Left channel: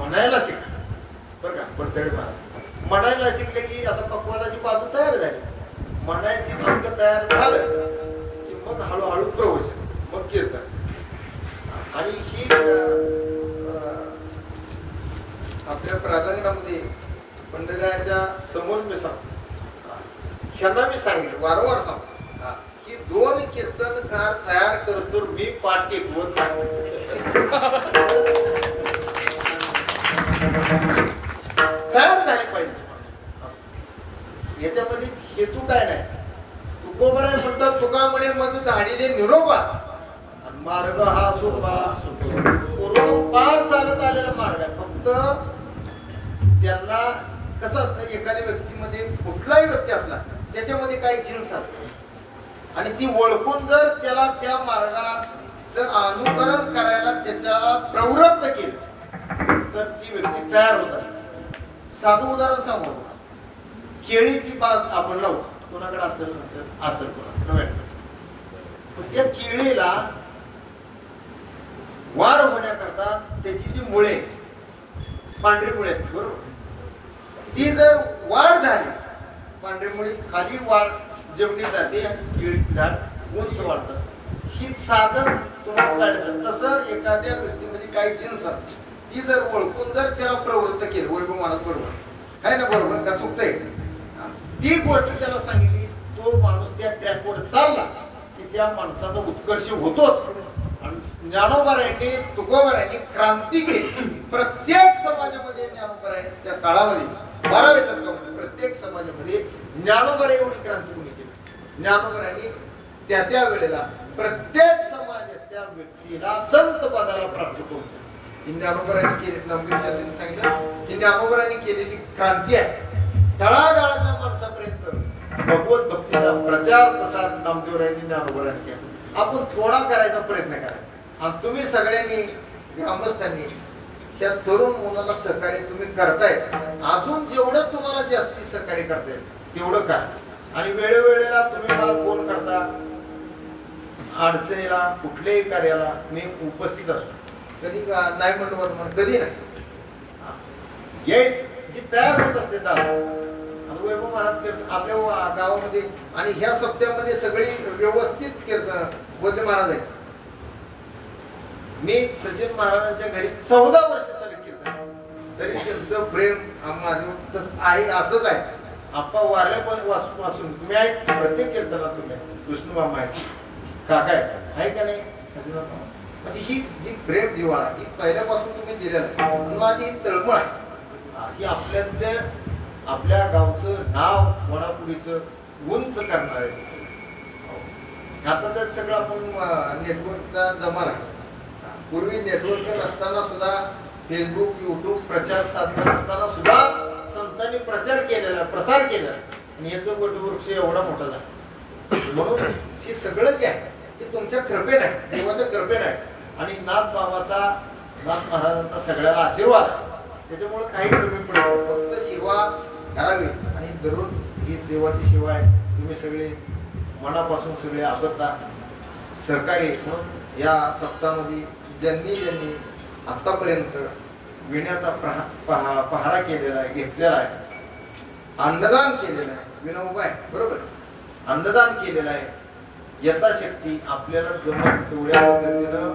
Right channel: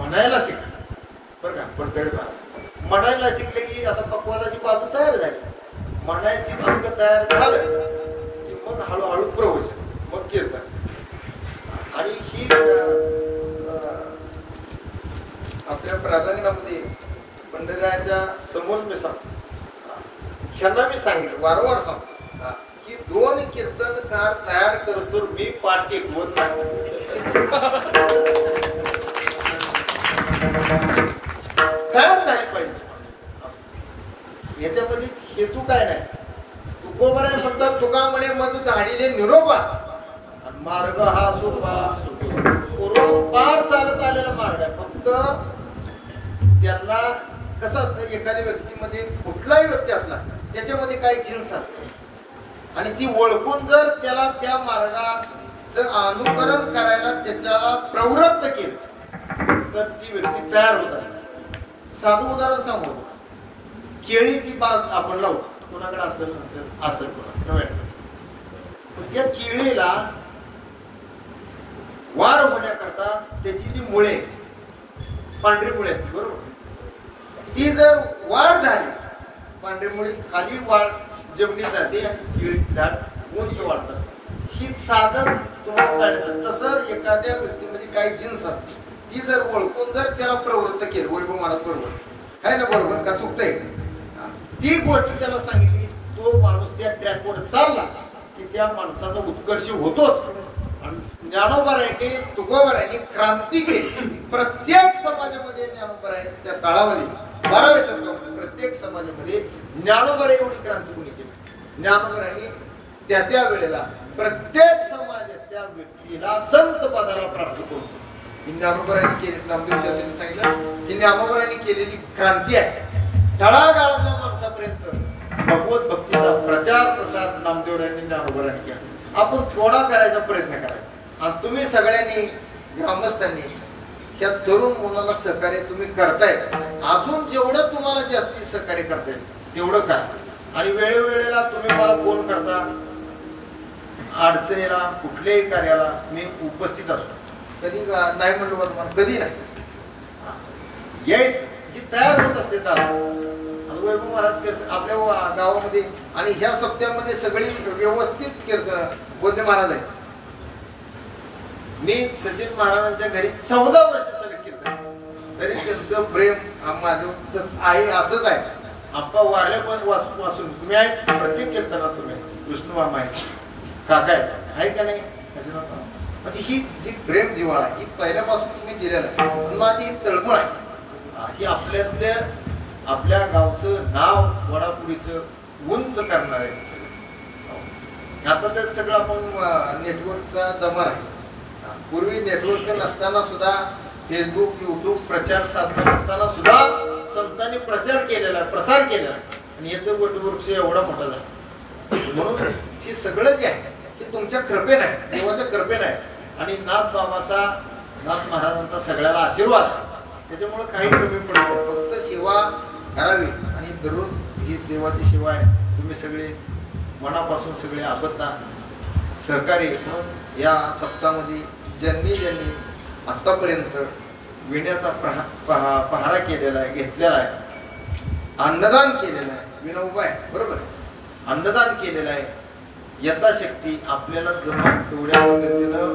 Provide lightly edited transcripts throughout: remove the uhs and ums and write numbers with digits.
म्हणायला शिका बरं का. पडतळे म्हणायला शिकले की आता पक्वादाची बाजू तयार झाली, म्हणायची मार्ग तयार झालं की मग हळूहळू प्रवचन, मग कीर्तन. आणि ही आपल्या प्राधान्यामध्ये पंढररायाच्या समोर मी सांगतो, ह्यांना मी सांगितलं वारंवार सांगतो की 2 कीर्तनकार तयार करतो मी पाठ टेकवत तयार झाली पाहिजे. याच्यामध्ये हेतू काय नाही. तुकोबराय म्हणतात तुका म्हणे मग धाडीले निरोपा, मार्ग हा सोपा करून पार चालत आलेला मार्ग आहे. फक्त त्यांना कसं असतं, एखाद्या व्यक्तीमध्ये कुठलाही व्यक्ती असला त्याच्यामध्ये काही जिन्स असते आणि ती ओळखून जर त्याला त्या मार्गाचं अनुकरण करायला त्याच्याला प्रवृत्त केलं तर ती व्यक्ती तयार होत असते. साधं उदाहरण सांगू, केळीची बाग आपण लावतो, कोणाकडे असेल असेल त्या केळीला वाढ होण्याकरता त्याची जी मुळे, पांढरी मुळे असते बरोबर, ती जर वाढ झाली पांढरी मुळे खाली वाढ जमिनीत जाते, केळी उंच वाढत असते. ही साधन तुम्हाला काढायचं. तसं एखाद्या व्यक्तीमध्ये काही जिन्स असते, ती जर ओळखून जर त्याला प्रवृत्त केलं, वैभव मला बरोबर काय ना बरोबर का चुकतंय, ती गोष्ट त्याला सांगितली, तो माणूस त्या ट्रॅकवर चालला की त्या माणसाचा उत्कर्ष होतोच. आणि ज्ञानोबारायांनी तुकोबारायांनी क्रांती केली. प्रत्येक समाजामध्ये ज्ञानोबारायांच्या काळामध्ये 12व्या शतकामध्ये प्रत्येक समाजामध्ये ज्ञानोबाराय एवढी क्रांती कोणी केली. ज्ञानोबारायांनी त्या वेळेला प्रत्येक समाजातल्या व्यक्तीला संत पदाला प्राप्त करून ज्ञानोबारायांनी केली. नामदेवच्या सांगितलं की ज्ञानोबारायांनी केलेली क्रांती आहे. तळागाळातल्या माणसापर्यंत भगवत भक्तीचा प्रचार प्रसार नामदेवरायांनी ज्ञानोबारायांनी केला. आपण थोडा करायचा प्रयत्न करायचा. आणि तुम्ही सगळ्यांनी ग्रामस्थांनी ह्या तरुण मुलाला सहकार्य तुम्ही करताय. अजून जेवढं तुम्हाला जास्ती सहकार्य करताय तेवढं काय. आणि वेळोवेळेला तुम्ही मला फोन करता, अडचणीला कुठल्याही कार्याला मी उपस्थित असतो. कधी नाही म्हणलं मला, कधी नाही यायच ही तयार होत असते. वैभव महाराज कीर्तन आपल्या गावामध्ये आणि ह्या सप्त्यामध्ये सगळी व्यवस्थित कीर्तन बोधे महाराज आहेत. मी सचिन महाराजांच्या घरी 14 वर्ष सगळे कीर्तन, तरी त्यांचं प्रेम माझं आहे असंच आहे. आप्पा वारल्या पण वाचून तुम्ही आहे, प्रत्येक कीर्तनात तुम्ही विष्णू मामा आहे, काका आहे का नाही, म्हणजे ही जी प्रेम जिव्हाळा ही पहिल्यापासून तुम्ही दिलेलं आहे. माझी ही तळमळ आहे ही आपल्यातल्या आपल्या गावचं नाव वडापुरीचं उंच करणार आहे. आता त्यात सगळं आपण नेटवर्कचा जमाना आहे. पूर्वी नेटवर्क नसताना सुद्धा फेसबुक युट्यूब प्रचार साधन नसताना सुद्धा संतांनी प्रचार केलेला आहे, प्रसार केलेला आहे. आणि याचं वटवृक्ष एवढा मोठा झाला. म्हणून हे सगळं जे आहे ते तुमच्या कृपेने आहे, देवाच्या कृपेने आहे. आणि नाथ बाबाचा, नाथ महाराजांचा सगळ्याला आशीर्वाद आहे. त्याच्यामुळे काही कमी पडत नाही. फक्त सेवा करावी आणि दररोज ही देवाची सेवा आहे. तुम्ही सगळे मनापासून सगळे आबद्धा सहकारी म्हणून या सप्ताहामध्ये ज्यांनी आतापर्यंत विण्याचा पहारा केलेला आहे, घेतलेला आहे, अन्नदान केलेलं आहे, विनोबा आहे बरोबर, अन्नदान केलेलं आहे. यथाशक्ती आपल्याला जमून तेवढ्या पद्धतीनं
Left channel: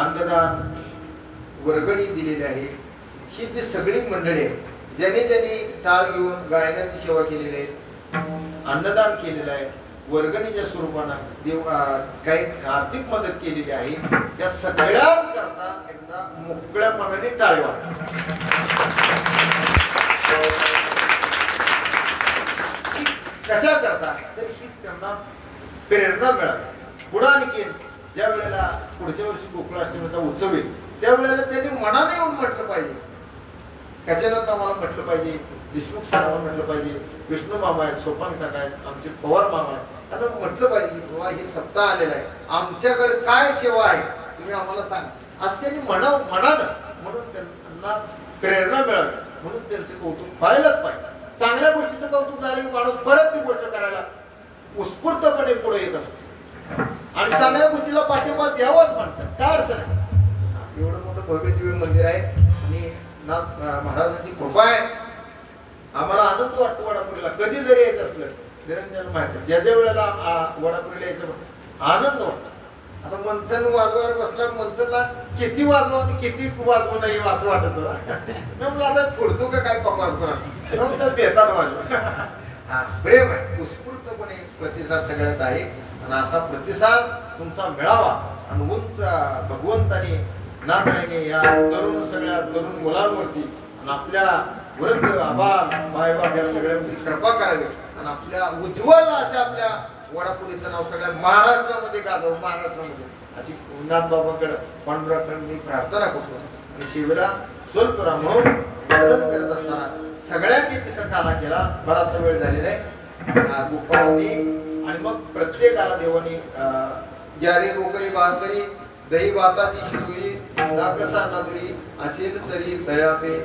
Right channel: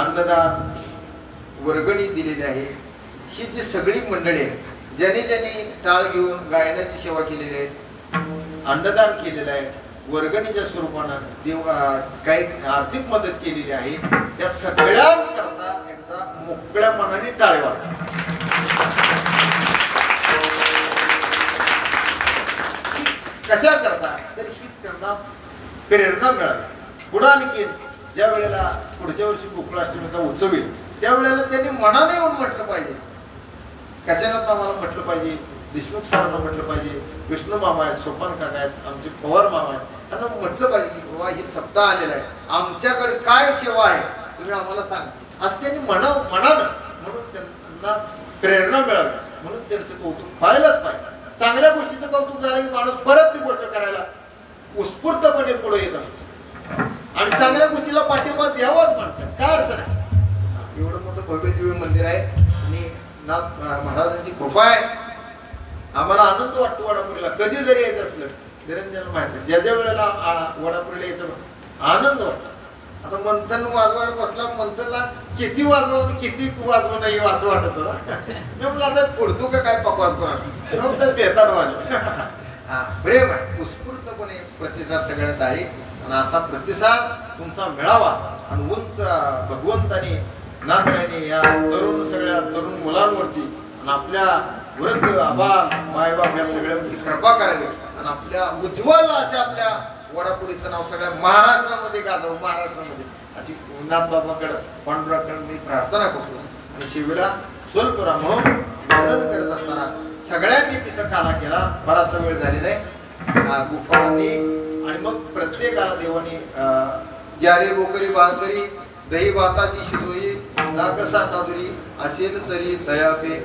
अन्नदान वर्गणी दिलेली आहे. ही जी सगळी मंडळी आहे, ज्यांनी टाळ घेऊन गायनाची सेवा केलेली आहे, अन्नदान केलेलं आहे, वर्गणीच्या स्वरूपानं देव काही आर्थिक मदत केलेली आहे, त्या सगळ्यांकरता एकदा मोकळ्या मनाने टाळी वाजवा. कशा करता तरी ही त्यांना प्रेरणा मिळाली. पुढे आणखी ज्या वेळेला पुढच्या वर्षी गोकुळाष्टमीचा उत्सव येईल त्यावेळेला त्यांनी मनाने येऊन म्हटलं पाहिजे, कशाला आम्हाला म्हटलं पाहिजे, देशमुख सरांना म्हटलं पाहिजे, विष्णू मामा आहेत, सोपान काका आहेत, आमचे पवार मामा आहेत, त्यांना म्हटलं पाहिजे की बाबा हे सप्ताह आलेला आहे, आमच्याकडे काय सेवा आहे तुम्ही आम्हाला सांगा. असं त्यांनी म्हणावं म्हणून त्यांना प्रेरणा मिळावी. म्हणून त्यांचं कौतुक व्हायलाच पाहिजे. चांगल्या गोष्टीचं कौतुक झालं की माणूस परत ती गोष्ट करायला उत्स्फूर्तपणे पुढे येत असतो. आणि चांगल्या गोष्टीला पाठिंबा द्यावाच माणसाने, काय अडचण आहे. एवढं मोठं भव्य दिव्य मंदिर आहे आणि नाथ महाराजांची कृपा आहे. आम्हाला आनंद वाटतो वडापुरीला कधी जरी यायचं असलं. निरंजन माहिती ज्या ज्या वेळेला वडापुरीला यायचं आनंद वाटतो. आता मंथन वाजवायला बसला, मंथनला किती वाजवा आणि किती वाजवू नाही असं वाटत होतं. मला आता पुढतो का काय पकवाज करा देतात माझं. हा प्रेम आहे, उत्स्फूर्तपणे प्रतिसाद सगळ्यात आहे. आणि असा प्रतिसाद तुमचा मिळावा आणि उंच भगवंताने नाथरायने या तरुण सगळ्या तरुण मुलांवरती आणि आपल्या वृद्ध आबाल मायबाप या सगळ्यांची कृपा करावी आणि आपल्या उज्ज्वल अशा आपल्या वडापुरीचं नाव सगळ्या महाराष्ट्रामध्ये गाजव. महाराष्ट्रामध्ये अशी नाथबाबाकडे पांडुराकडे मी प्रार्थना करतो. आणि शिवला सोलपुरा म्हणून वर्णन करत असताना सगळ्यांनी तिथं काना केला. बराचसा वेळ झालेला आहे गोपाळांनी. आणि मग प्रत्येकाला देवानी ग्यारे बोकरी बाकरी दही भाताची शिदोरी नागसा सादुरी असेल तरी दयाचे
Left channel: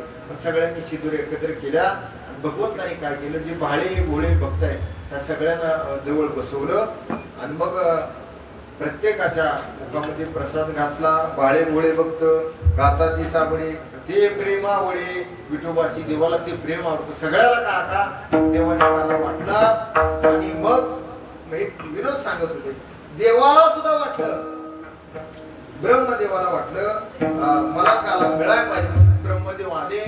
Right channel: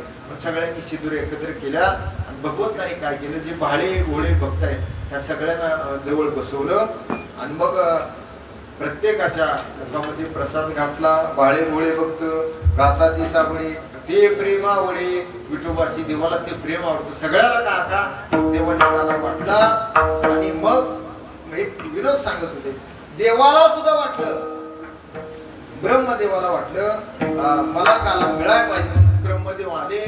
सगळ्यांनी शिदूर एकत्र केल्या. भगवंताने काय केलं, जे भाळे घोळे भक्त आहेत त्या सगळ्यांना जवळ बसवलं आणि मग प्रत्येकाच्या मुखामध्ये प्रसाद घातला. भाळे घोळे भक्त गाताची साबळे ते प्रेमावळे विठोबाशी देवाला ते प्रेम आवडतं सगळ्याला. का देवाने मला वाटला. आणि मग एक विनोद सांगत होते, देवाला सुद्धा वाटलं, ब्रह्मदेवाला वाटलं मला काला मिळायला पाहिजे. ब्रह्मदेव आले,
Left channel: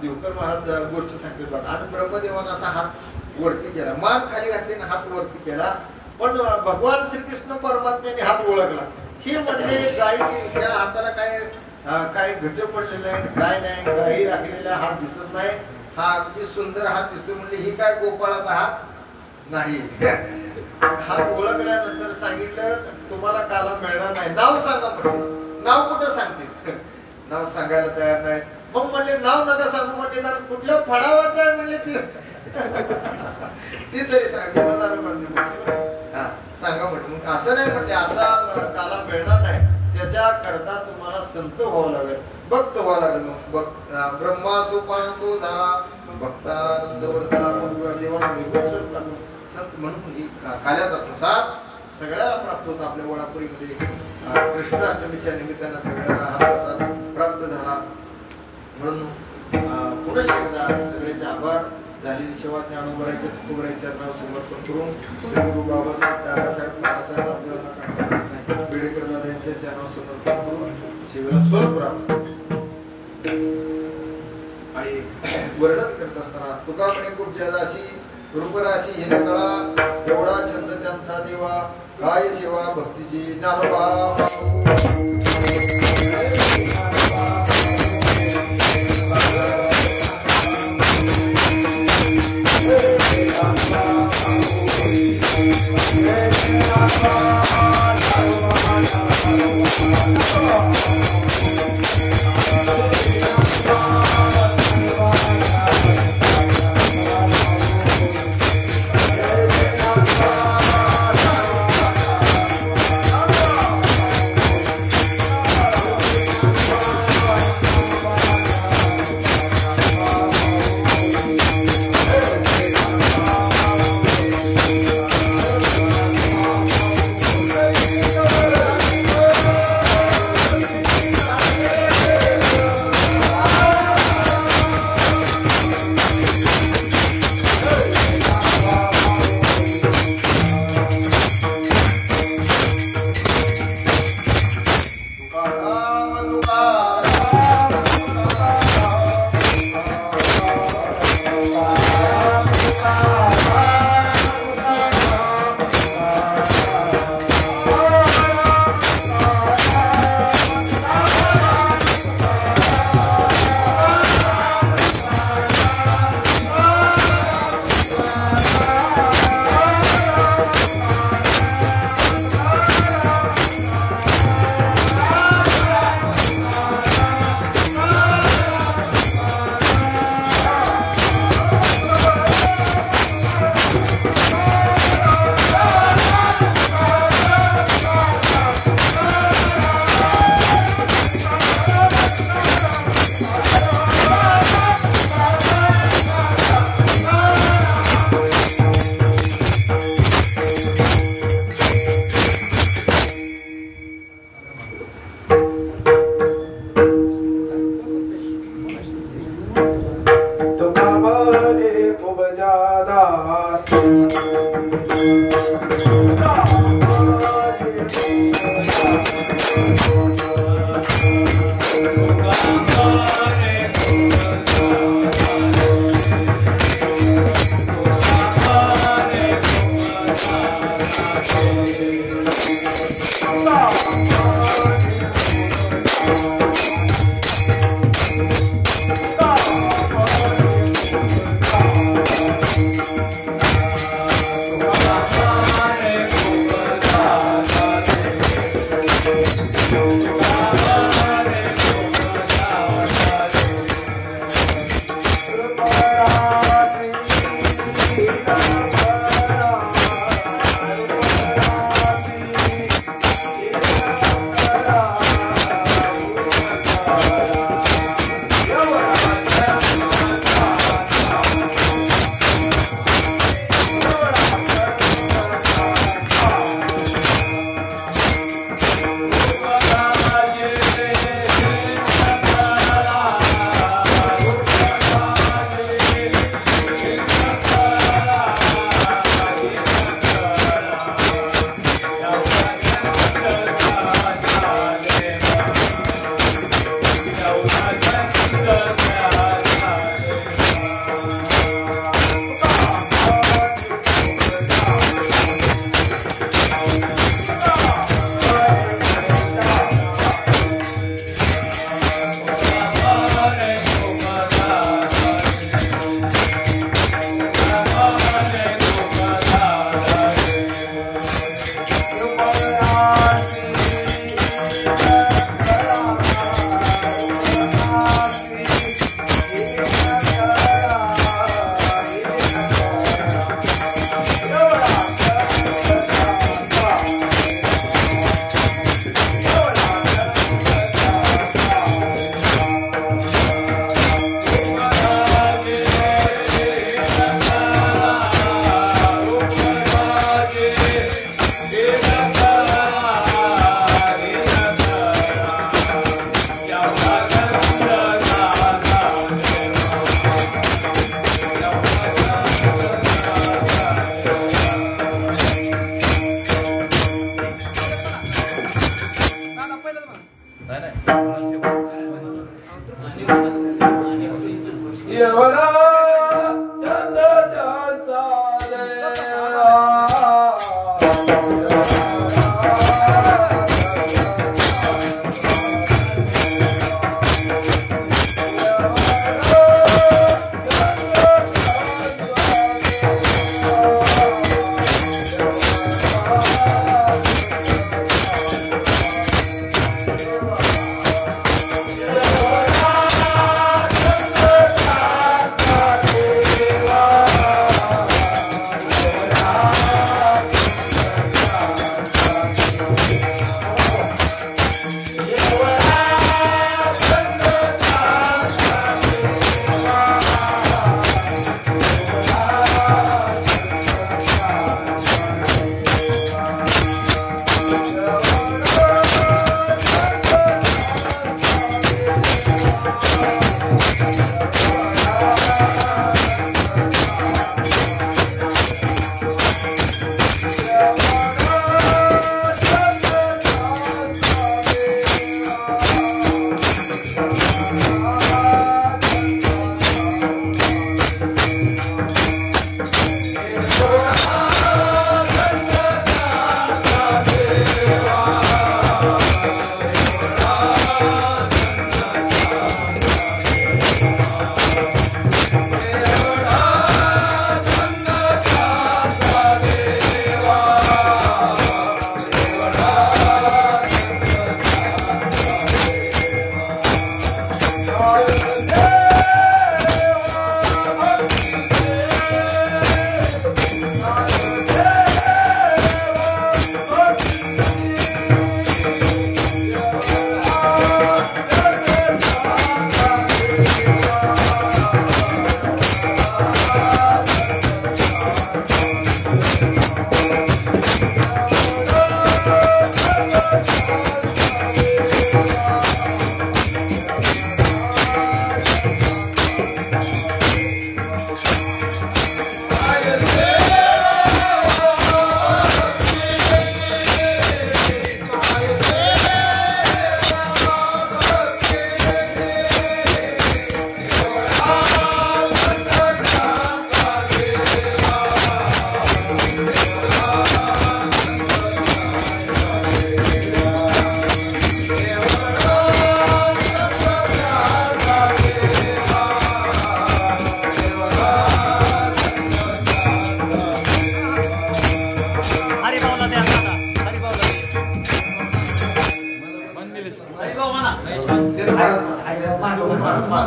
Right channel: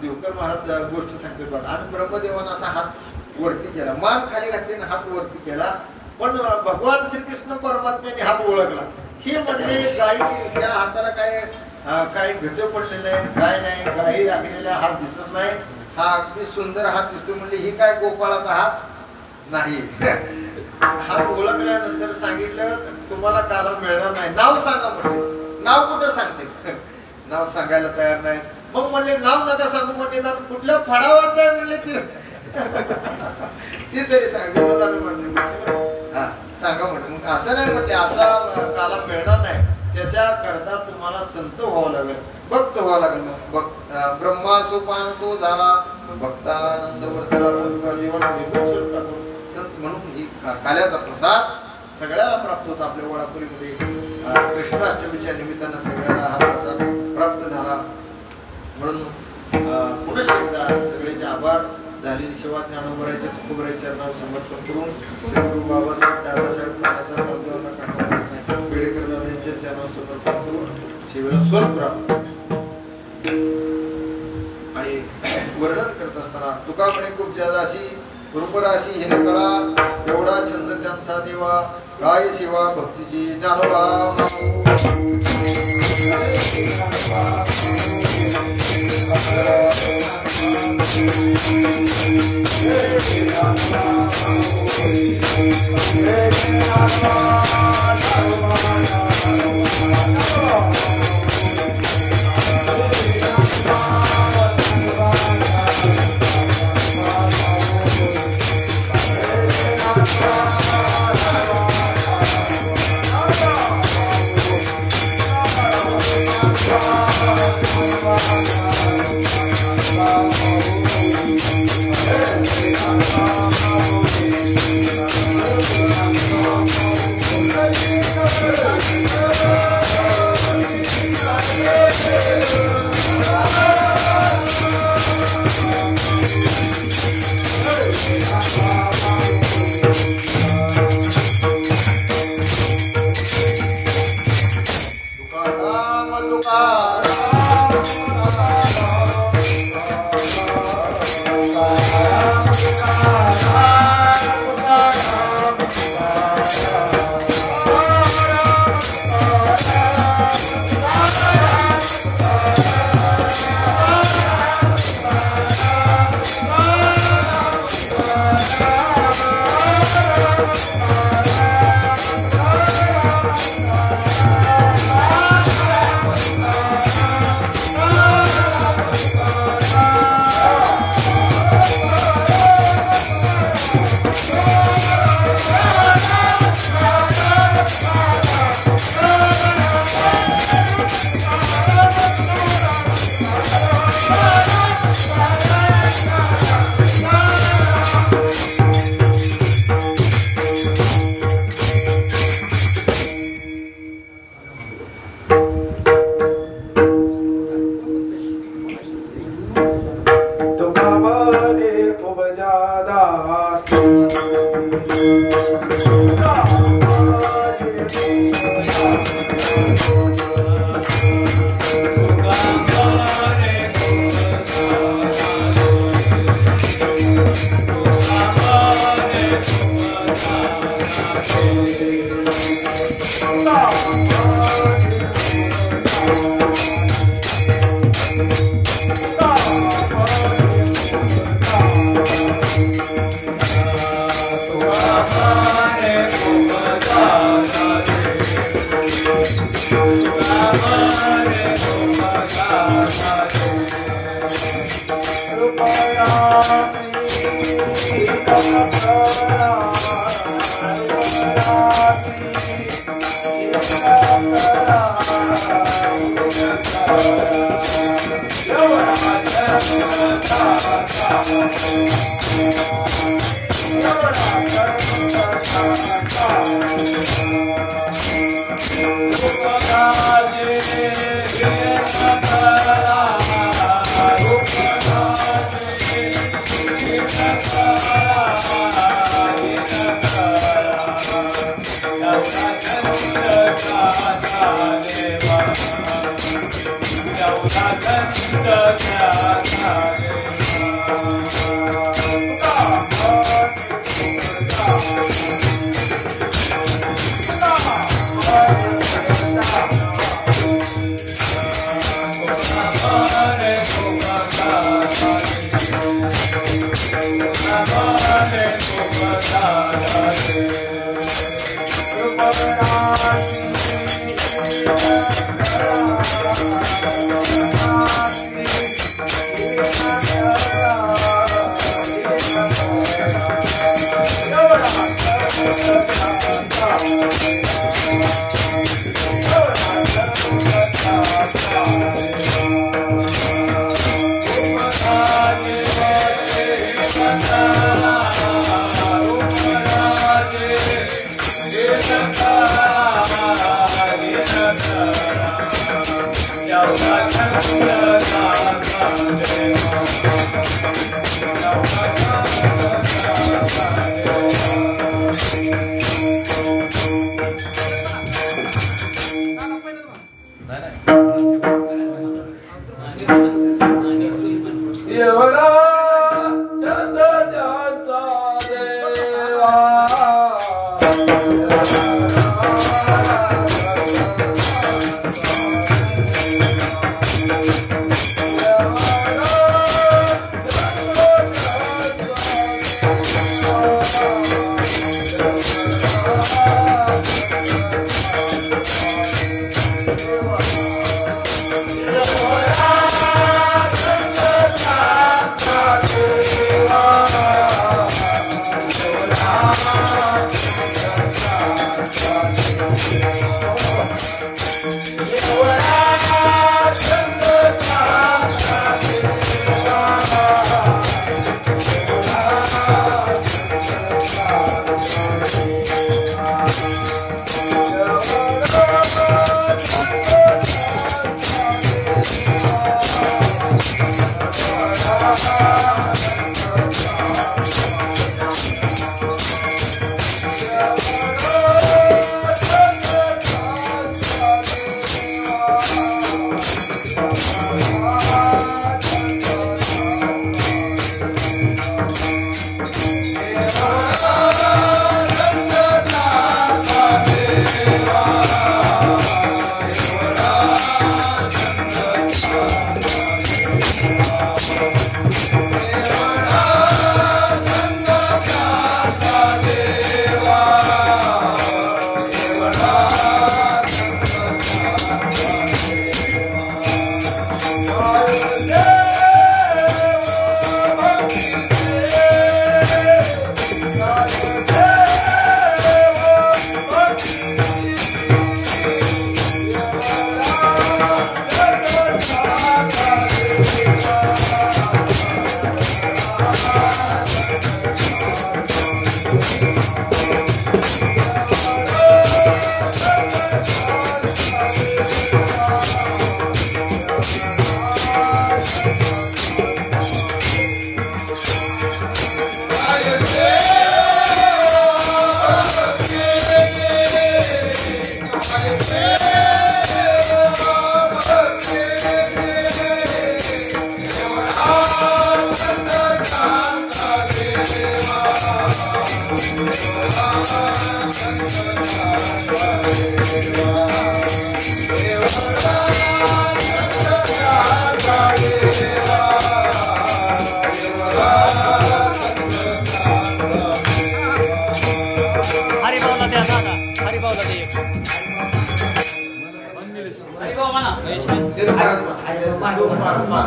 देवकर महाराज गोष्ट सांगते बघा. आणि ब्रह्मदेवानं असा हात वरती केला, मान खाली घातली आणि हात वरती केला. पण भगवान श्रीकृष्ण परमात्म्याने हात ओळखला. हे म्हणजे गायी त्या हाताला काय घट पडलेले नाही, काय नाही, गायी राखलेला हात दिसत नाही. हा अगदी सुंदर हात दिसतो. म्हणजे ही काय गोपाळाचा हात नाही. हात ओळखल्यानंतर सांगितलं तुम्हाला काला मिळणार नाही, नाव सांगा म्हणजे. नाव कुठं सांगते, नाव सांगायला तयार नाही. मग म्हणले नाव नका सांगू म्हणले, कुठल्या फडावाचं आहे म्हणले ती तरी सांगितलं झालं म्हणले. हा सांगा म्हटलं. मग असं नाही म्हटले असा काला मिळणार नाही, त्याच्या करता तुम्हाला संत व्हावं लागेल, भक्त व्हावं लागेल. बघ ब्रह्मा सोपान तो झाला भक्तानंद वर्तला देवाला निर्गुण संत म्हणून ही काल्याचा प्रसाद सगळ्याला प्राप्त होता. आपल्या वडापुरीमध्ये कृष्णाष्टमीच्या निमित्तानं सगळ्याला हा प्रसाद प्राप्त झाला. म्हणून पुनश्च एकदा सगळ्याचे आभार. झालेली सेवा ज्ञानोबरायच्या तुकोबरायच्या चरणावर समर्पण करून श्री गुरु बाबासाहेब दादासाहेब नानासाहेब बेडेकर यांच्या चरणावर समर्पण करून सेवेला स्वरूप आणि वर्णन करत असताना तुका म्हणे खूप ज्यादा अशी रूपराशी हिन कळा एवढा छंद त्यांचा देवा काय सेवा भक्तीची ज्ञानोबा.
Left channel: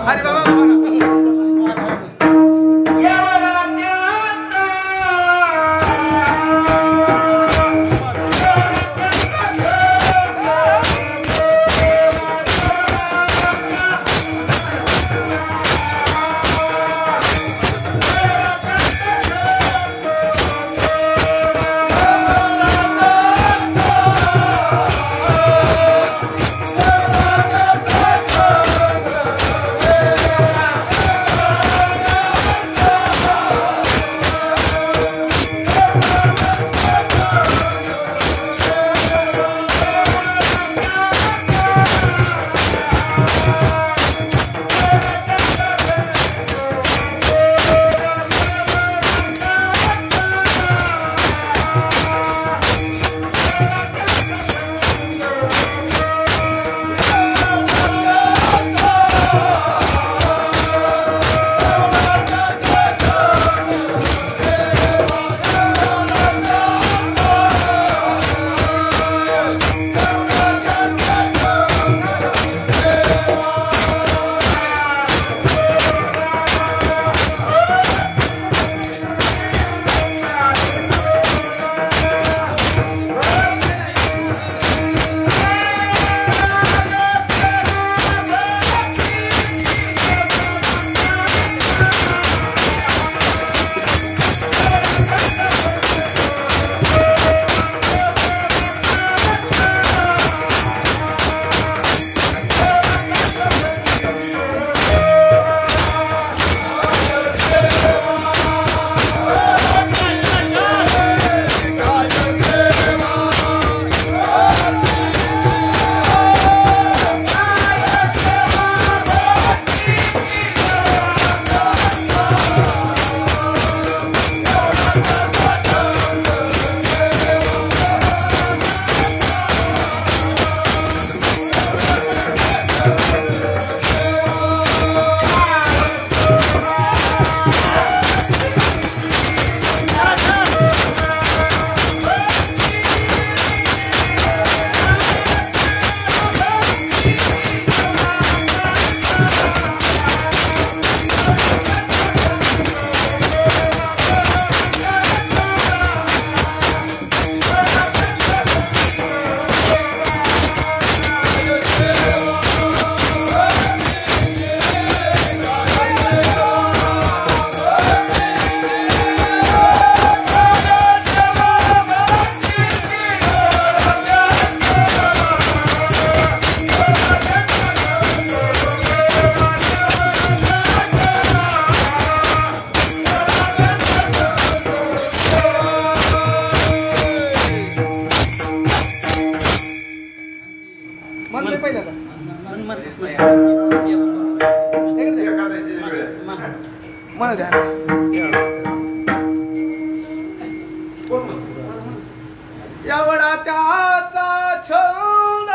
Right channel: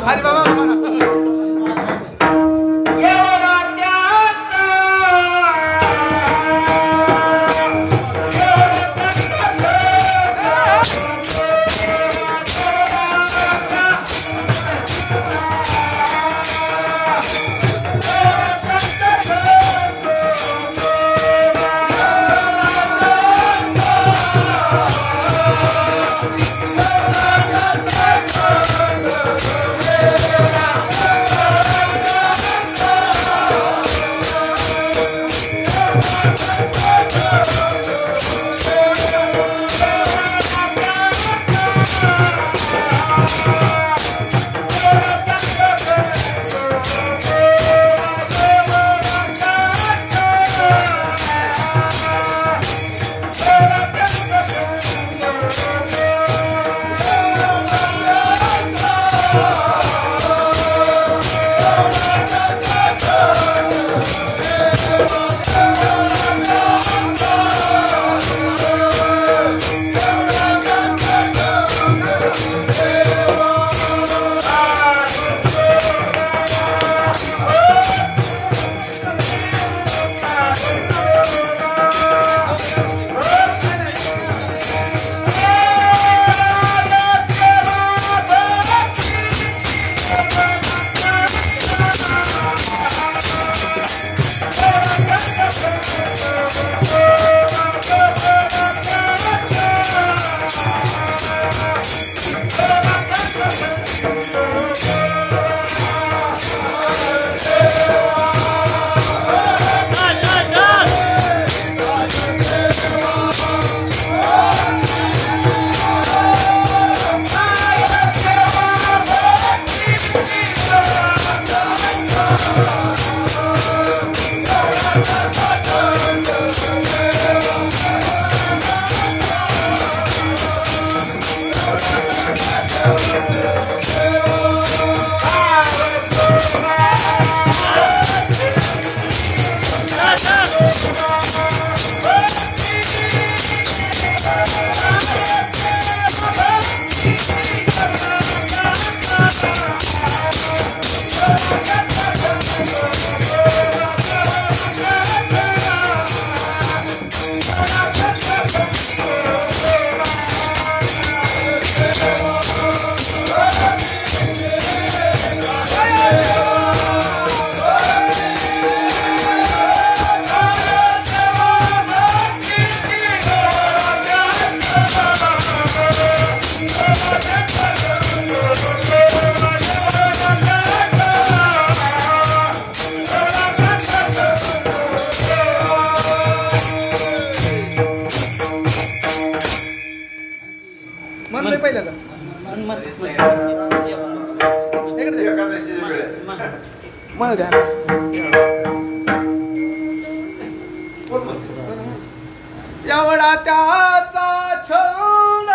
हरी बाबा एकादशीची वेळ आहे. म्हणू द्या. कोण म्हणतो? एवढा त्याचा छंद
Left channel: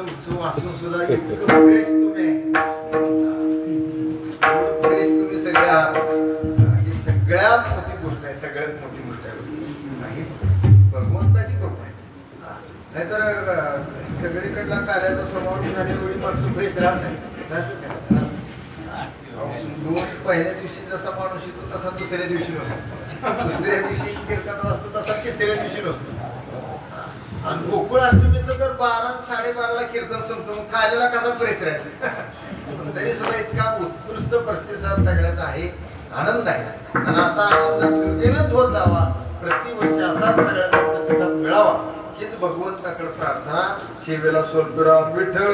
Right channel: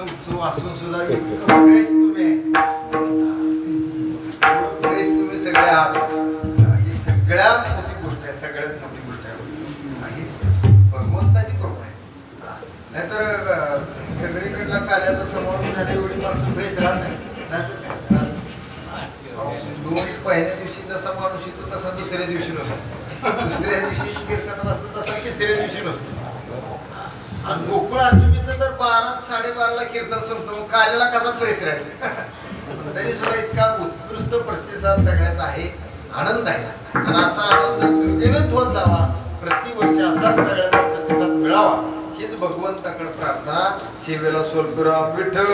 उत्सव असून सुद्धा इतकं फ्रेश तुम्ही सगळ्या ही सगळ्यात मोठी गोष्ट आहे. सगळ्यात मोठी गोष्ट आहे भगवंताची कृपा आहे. नाहीतर सगळीकडला काल्याचा समारोह झाले एवढी माणसं फ्रेश राहत नाही. पहिल्या दिवशी जसा माणूस येतो तसा दुसऱ्या दिवशी नसतो. दुसऱ्या दिवशी कीर्तनात असतो तसा तिसऱ्या दिवशी नसतो. आणि गोकुळ अष्टमीचं तर 12-12:30ला कीर्तन संपतो. मग काल्याला कसा फ्रेश राहील. तरी सुद्धा इतका उत्कृष्ट प्रतिसाद सगळ्यात आहे. आनंद आहे आणि असा आनंद कृतीनंच होत जावा. प्रतिवर्ष असा सगळ्यांना प्रतिसाद मिळावा हीच भगवंताकडे प्रार्थना. सेवेला स्वल्पराम विठ्ठल.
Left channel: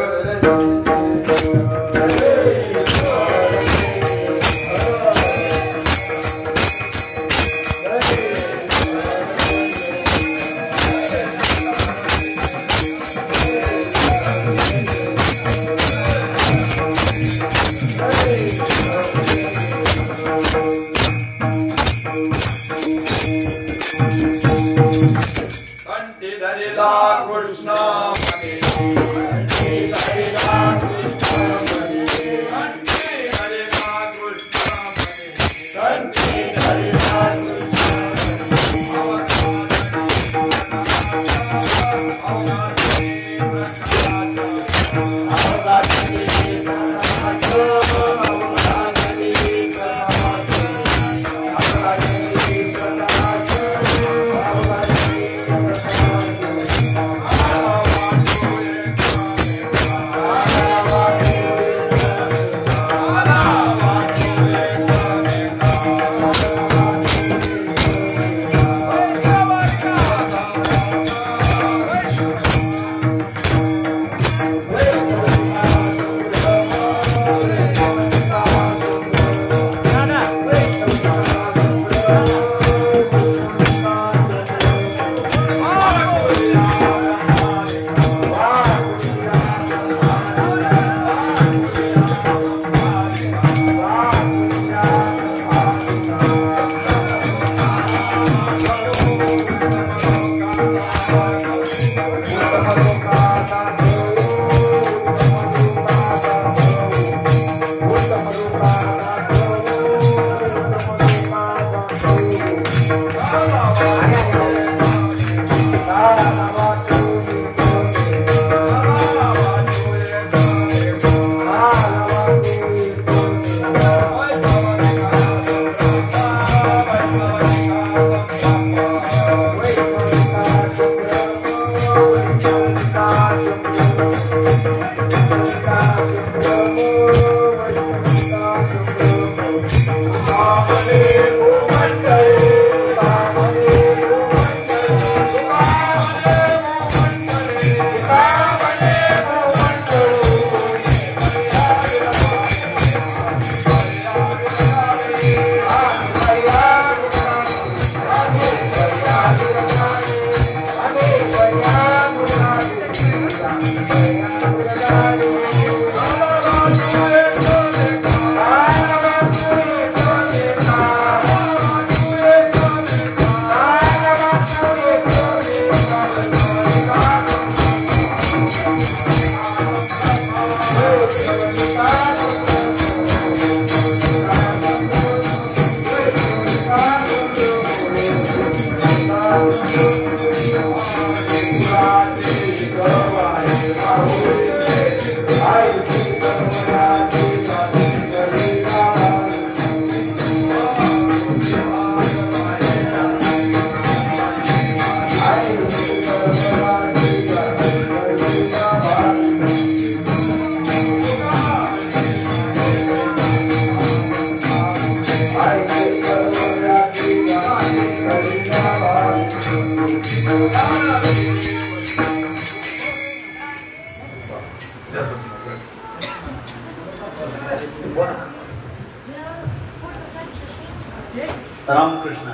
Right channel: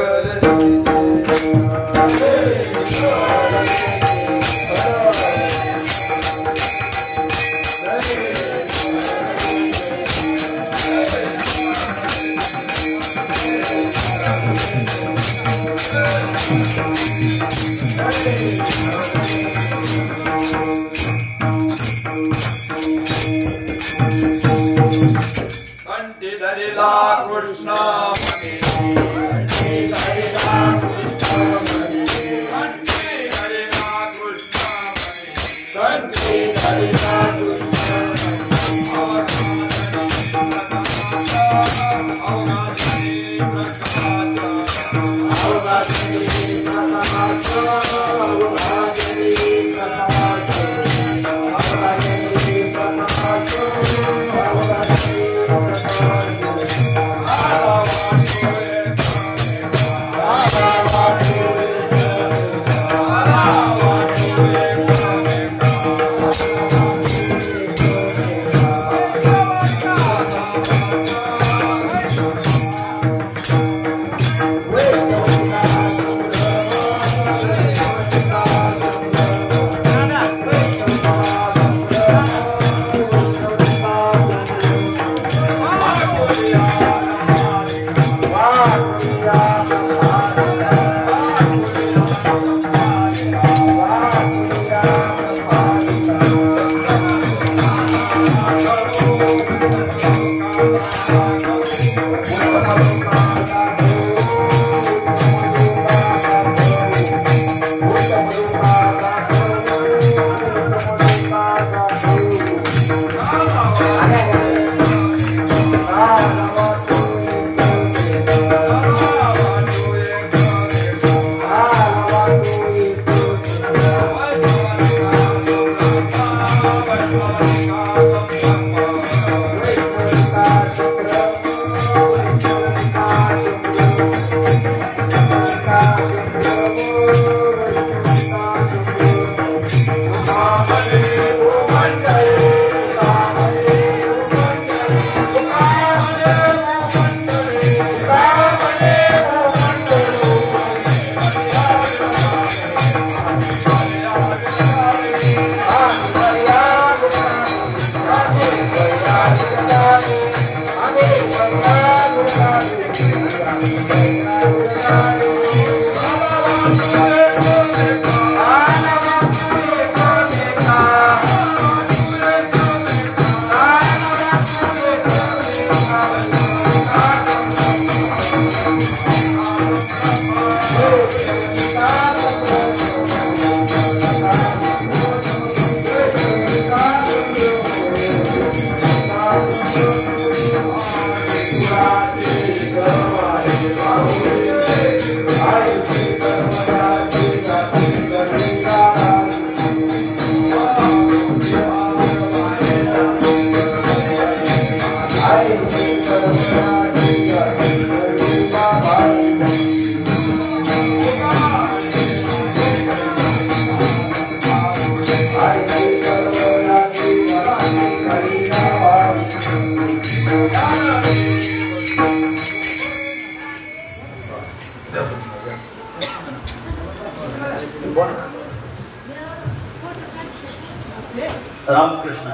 रामकृष्ण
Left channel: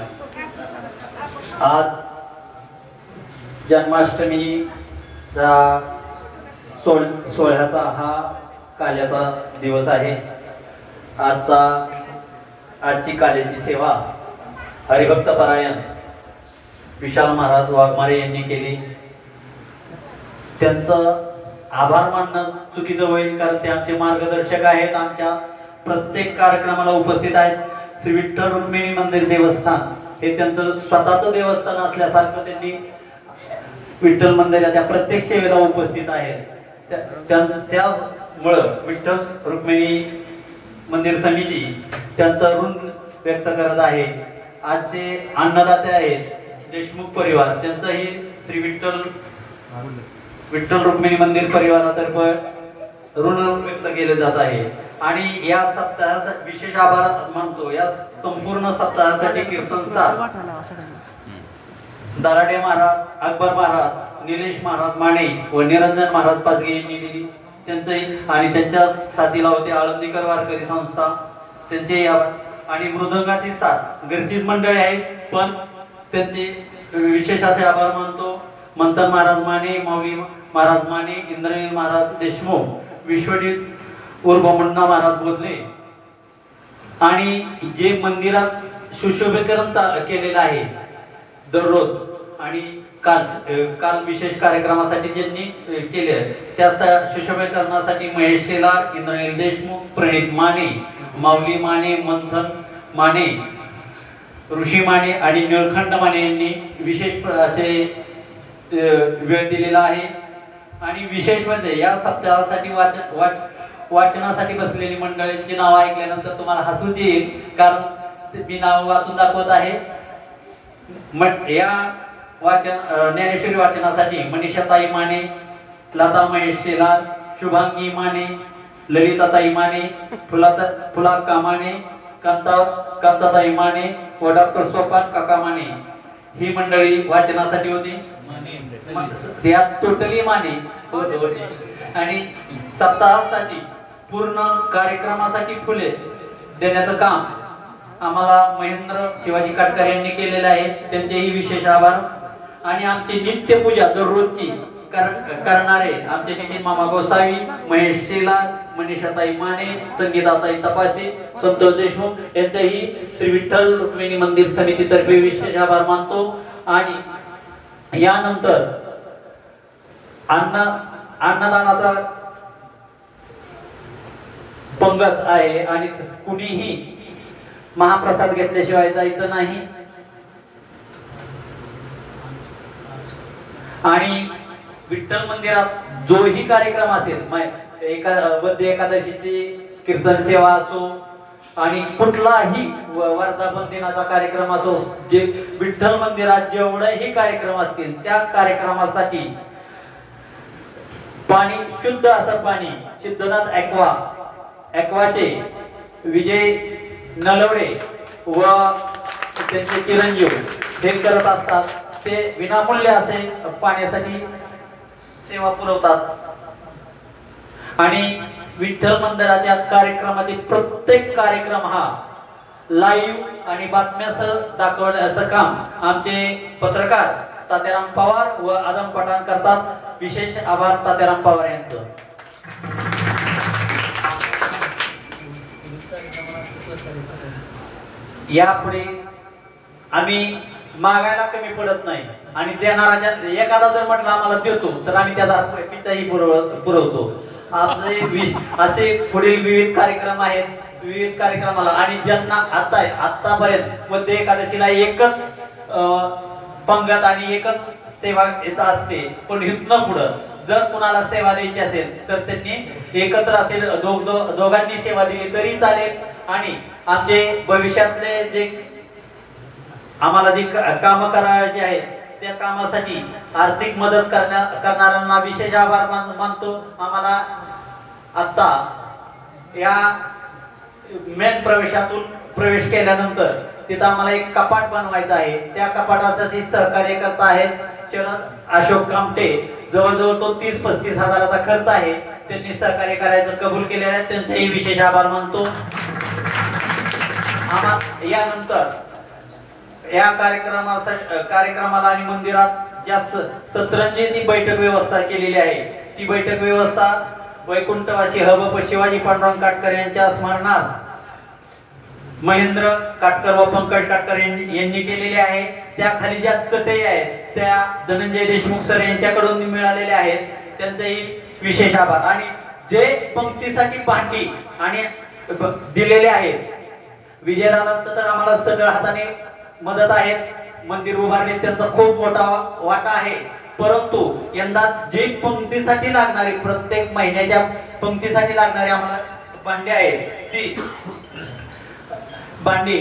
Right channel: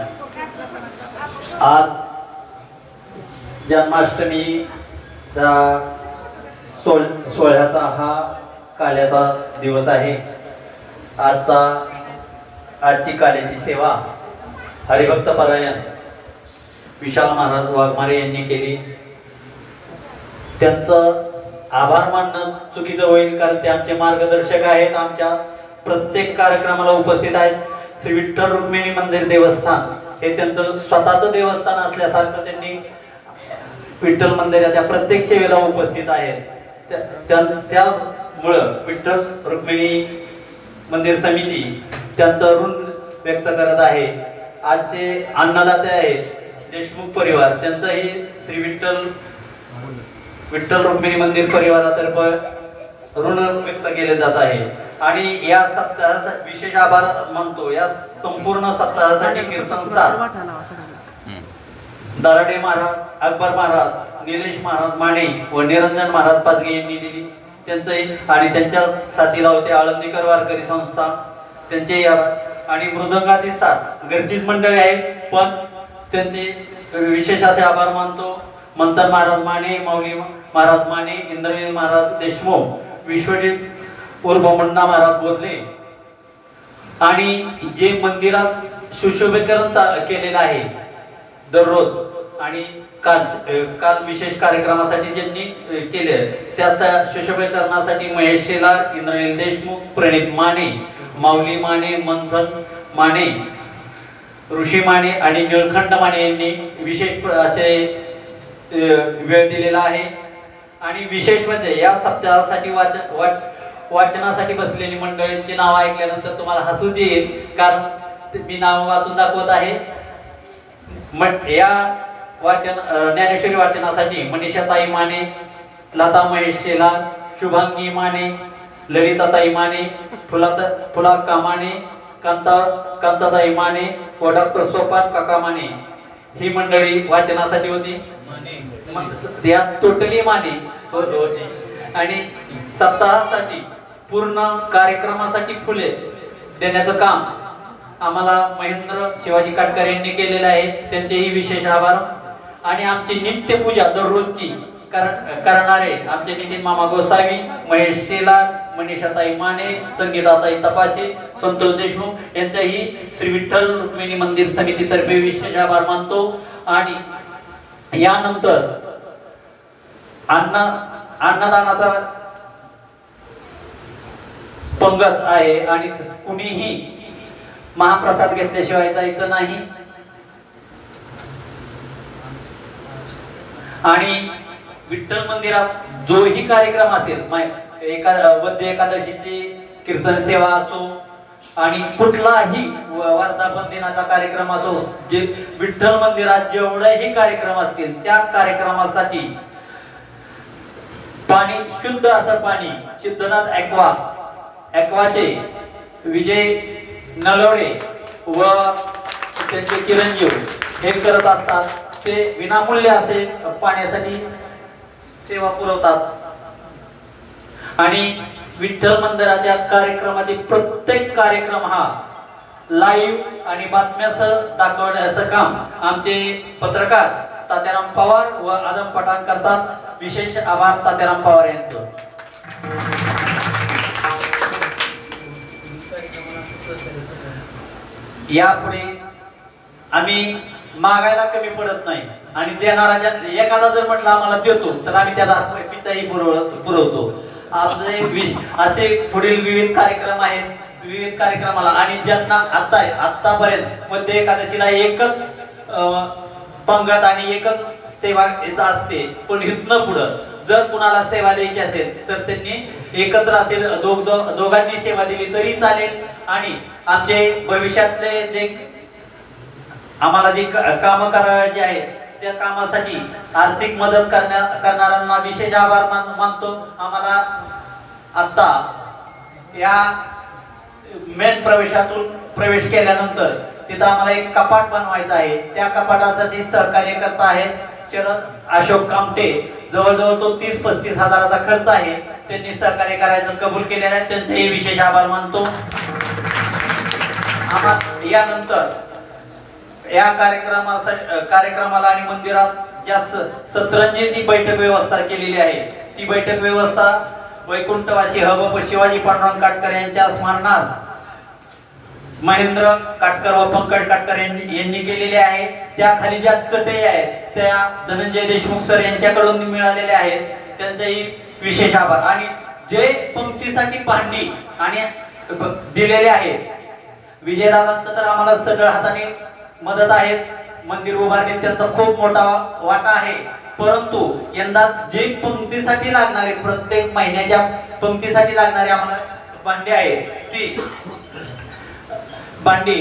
आज जन्माष्टमीचा सोहळ्याचा हा काल्याचा दिवस आहे। आजची काल्याची सेवा हरिभक्त परायण विशाल महाराज वाघमारे यांनी केली। त्यांचं आभार मानणं चुकीचं होईल, कारण ते आमचे मार्गदर्शक आहेत, आमच्या प्रत्येक कार्यक्रमाला उपस्थित आहेत। श्री विठ्ठल रुक्मिणी मंदिर देवस्थान हे त्यांचं स्वतःचं देवस्थान असल्यासारखं त्यांनी विठ्ठल मंदिराच्या प्रत्येक सेवेला उपस्थित आहेत। त्यामुळं विठ्ठल रुक्मिणी मंदिर समिती त्यांचं ऋण व्यक्त करत आहे। आजचे अन्नदाते आहेत देशमुख परिवार, त्यांचंही श्री विठ्ठल रुक्मिणी मंदिर परिवारातर्फे ऋण व्यक्त केले जात आहे। आणि या सप्ताहासाठी विशेष आभार मानतो। या संपूर्ण सप्ताहासाठी कीर्तनकार दराडे महाराज, अकबर महाराज, निलेश महाराज माने व निरंजन महाराज पाचगे यांनी दिली त्यांचंही, आणि त्यांच्या साथीला होते आळंदीकर वारकरी संस्था, त्यांचे आणि मृदंगाची साथ घरचीच मंडळी आहेत, पण त्यांचे विशेष असे आभार मानतो। मंथन महाराज माने, मौली महाराज माने, इंद्रवीर महाराज देशमुख, विश्वजित उर्फ मुन्ना महाराज बोधले, आणि जे मंदिरात सुशोभीकरण केलेलं आहे दररोज, आणि काल विशेष कार्यक्रमासाठी ज्यांनी केले त्या सुशोभीकरणासाठी महेश शेलार, इंद्रनील देशमुख, प्रणित माने, माऊली माने, मंथन माने, ऋषी माने आणि निळखंड माने यांनी विशेष असे वेळ दिलेला आहे। आणि विशेष म्हणजे या सप्ताहासाठी वाचनासाठी बसलेली मंडळींची नाव ऐकल्यानंतर तुम्हाला हसूच येईल, कारण मी नाव वाचून दाखवत आहे। या ज्ञानेश्वरी वाचनासाठी मनीषाताई माने, लता महेश शेलार, शुभांगी माने, ललिताताई माने, फुलाक्का माने, कांताताई माने व डॉक्टर सोपान काका माने ही मंडळी वाचनासाठी होती। यात टोटली माने होते। आणि सप्ताहासाठी पूर्ण कार्यक्रमासाठी फुले देण्याचं काम आम्हाला महेंद्र शिवाजी काटकर यांनी केलेलं आहे, त्यांचेही विशेष आभार। आणि आमची नित्यपूजा दररोजची करणारे आमचे नितीन मामा गोसावी, महेश शेलार, मनीषाताई माने, संगीताताई तपासे, संतोष देशमुख यांचेही श्री विठ्ठल रुक्मिणी मंदिर समितीतर्फे विशेष आभार मानतो। आणि यानंतर अन्नदानाचा पंगत आहे, आणि कुणीही महाप्रसाद घेतल्याशिवाय जायचं नाही। आणि विठ्ठल मंदिरात जोही कार्यक्रम असेल, वद्य एकादशीची कीर्तन सेवा असो आणि कुठलाही वर्धापन दिनाचा कार्यक्रम असो, जे विठ्ठल मंदिरात जेवढेही कार्यक्रम असतील त्या कार्यक्रमासाठी पाणी, शुद्ध असं पाणी सिद्धनाथ ॲक्वाचे विजय नलवडे व त्यांचे चिरंजीव हे करत असतात। ते विनामूल्य असे पाण्यासाठी सेवा पुरवतात। आणि विठ्ठल मंदिराच्या कार्यक्रमातील प्रत्येक कार्यक्रम हा लाईव्ह आणि बातम्यासह दाखवण्याचं काम आमचे पत्रकार तात्याराम पवार व आदम पठाण करतात। विशेष आभार तात्याराम पवार यांचं। यापुढे आम्ही मागायला कमी पडत नाही, आणि देणारा एखादा जर म्हटलं आम्हाला देतो तर आम्ही त्याचा पिताही पुरवतो। आमचे असे पुढील विविध कार्यक्रम आहेत. विविध कार्यक्रमाला आणि ज्यांना आतापर्यंत मध्य एकादशीला एकच पंगत आणि एकच सेवा येत असते, पण इथनं पुढं जर कुणाला सेवा द्यायची असेल तर त्यांनी एकत्र असेल दोघांनी सेवा दिली तरी चालेल. आणि आमचे भविष्यातले जे आम्हाला जी काम करायची आहेत त्या कामासाठी आर्थिक मदत करणाऱ्यांना विशेष आभार मानतो. आम्हाला आता या मेन प्रवेशातून प्रवेश केल्यानंतर तिथं आम्हाला एक कपाट बनवायचं आहे. त्या कपाटासाठी सहकार्य करत आहेत शरद अशोक कामटे. जवळजवळ तो 30-35 हजाराचा खर्च आहे. त्यांनी सहकार्य करायचं कबूल केलेलं आहे. त्यांचेही विशेष आभार मानतो. यानंतर या कार्यक्रमाला आणि मंदिरात ज्या सतरंजीची बैठक व्यवस्था केलेली आहे ती बैठक व्यवस्था वैकुंठवासी हबप शिवाजी पांडुरंग काटकर यांच्या स्मरणार्थ महेंद्र काटकर व पंकज काटकर यांनी केलेली आहे. त्या खाली ज्या चटई आहेत त्या धनंजय देशमुख सर यांच्याकडून मिळालेल्या आहेत. त्यांचाही विशेष आभार. आणि जे पंक्तीसाठी भांडी आणि दिलेले आहेत विजयदादांचं तर आम्हाला सगळं हाताने मदत आहे. मंदिर उभारणीत त्यांचा खूप मोठा वाटा आहे. परंतु यंदा जे पंक्तीसाठी लागणारे प्रत्येक महिन्याच्या पंक्तीसाठी लागणारे आम्हाला भांडी आहेत ती भांडी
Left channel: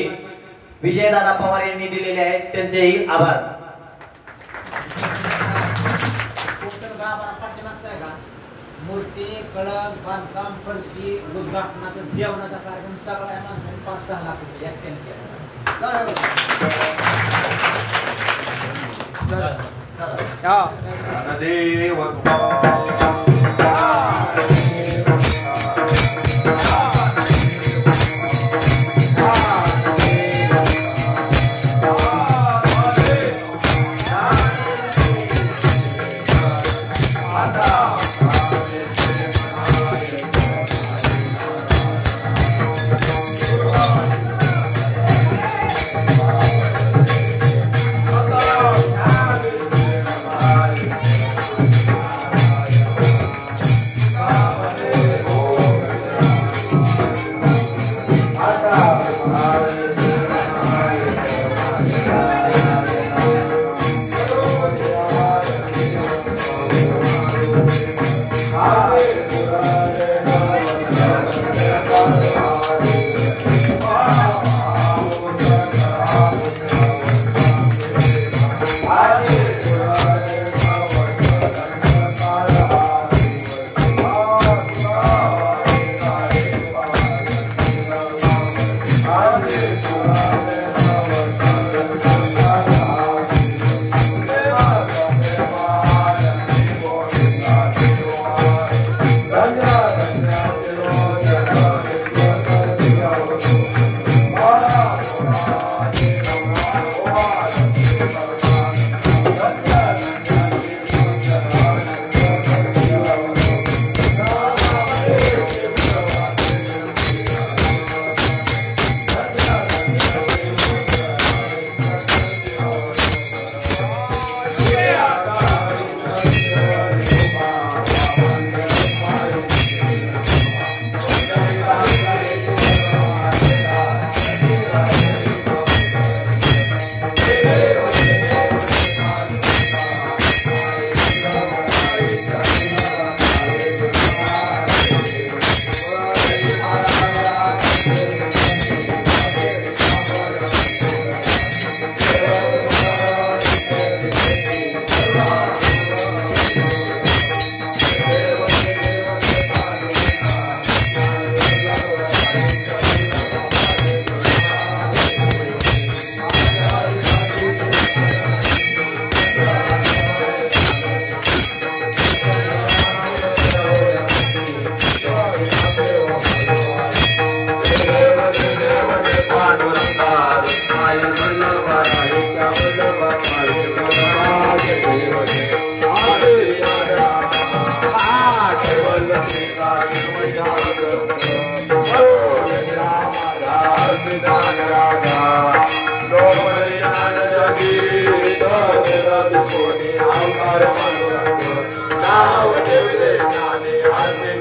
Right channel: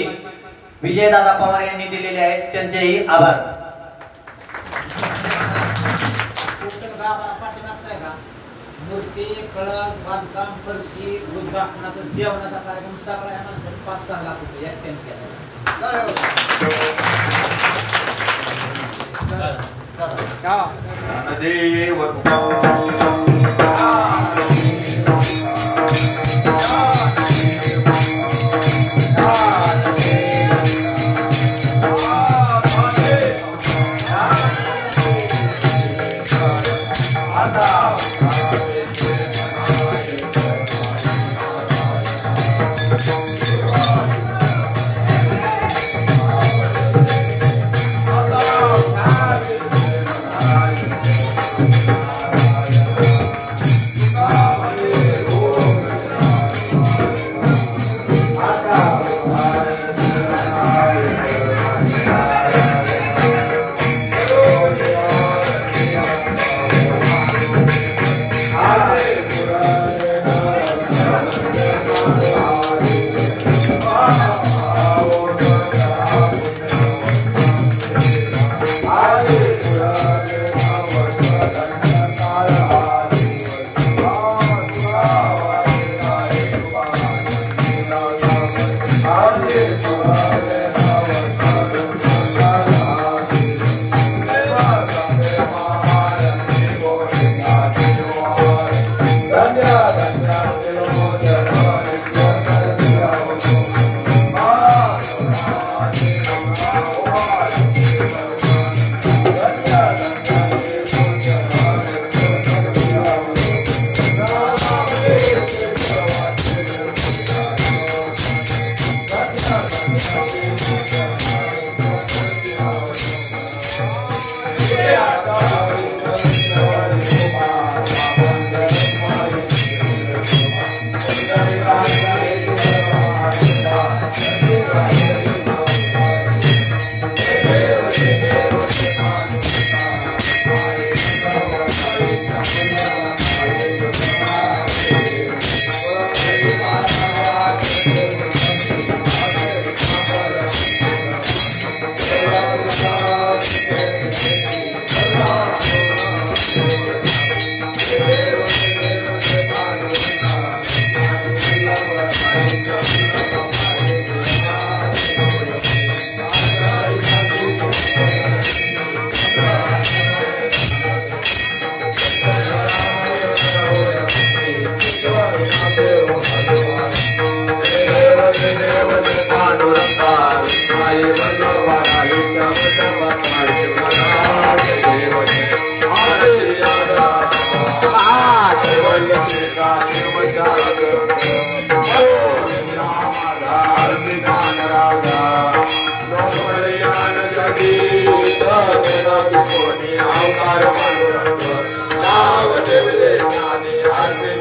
विजयदादा पवार यांनी दिलेली आहेत. त्यांचेही आभार. मूर्ती कळस बांधकाम फरशी रुद्राक्षणाचा जेवणाचा कार्यक्रम सगळ्या माणसांनी 5-6 लाख रुपये यात केला.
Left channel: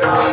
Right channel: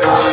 Now,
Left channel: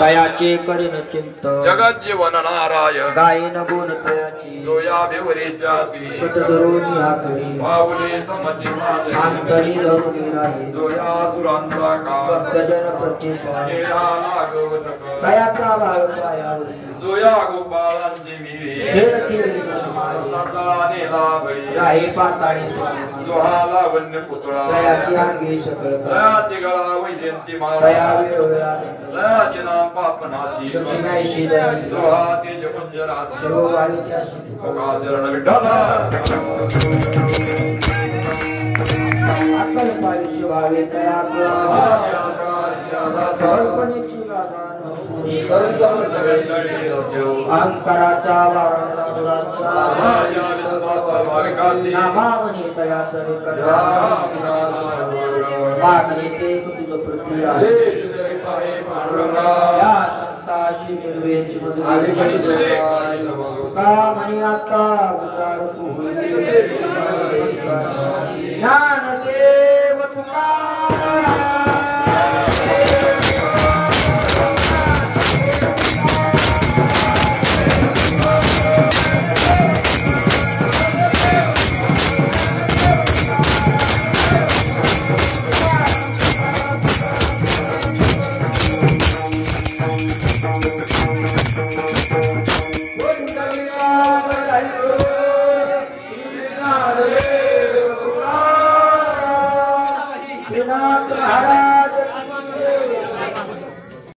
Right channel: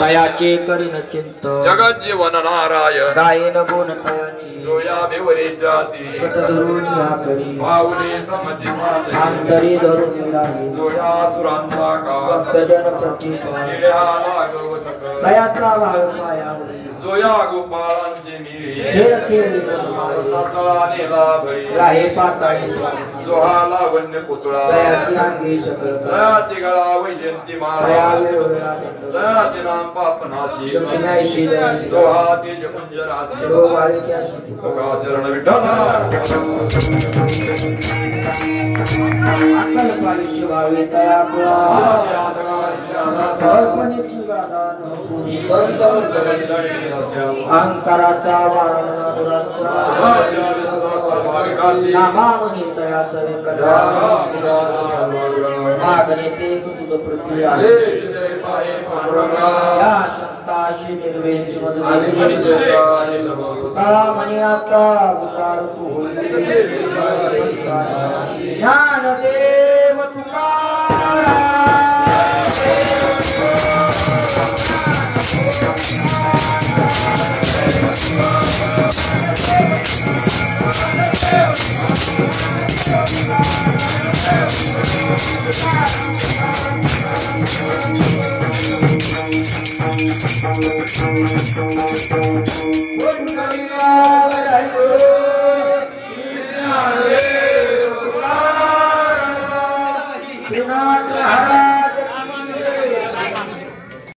तयाचे करीन चिंत जगत जीवन नारायण गायन गुण तयाची जोया बेवरे जाती धरून या करी पाऊले समती साधे अंतरी धरून राही जोया सुरांचा का भक्तजन प्रतीक निळ्या लागव सकल तयाचा भाव पायावरी जोया गोपाळांची मिळे खेळ खेळी मारे सकळाने लाभई राहे पाताळी स्वामी जोहा लावण्य पुतळा तयाची अंगी सकल जयाची गळा वैजयंती तया मारा वेळोवेळा जयाची नाम पापनाची दक्षिणायशी दयाची जोहा तेज कुंजरासी देववाळीच्या सिद्धी चरण विठ्ठला अक्कल पाळी शिवावे तया कल्पनेची गादान अंतराचा वारणाचा नामावनी तया सरकल्या मागणे ते तुझ पृथ्वी आहे या संताशी निर्वेची मधुर आता उतार तू होईल ज्ञानदेव तुकाराम Hara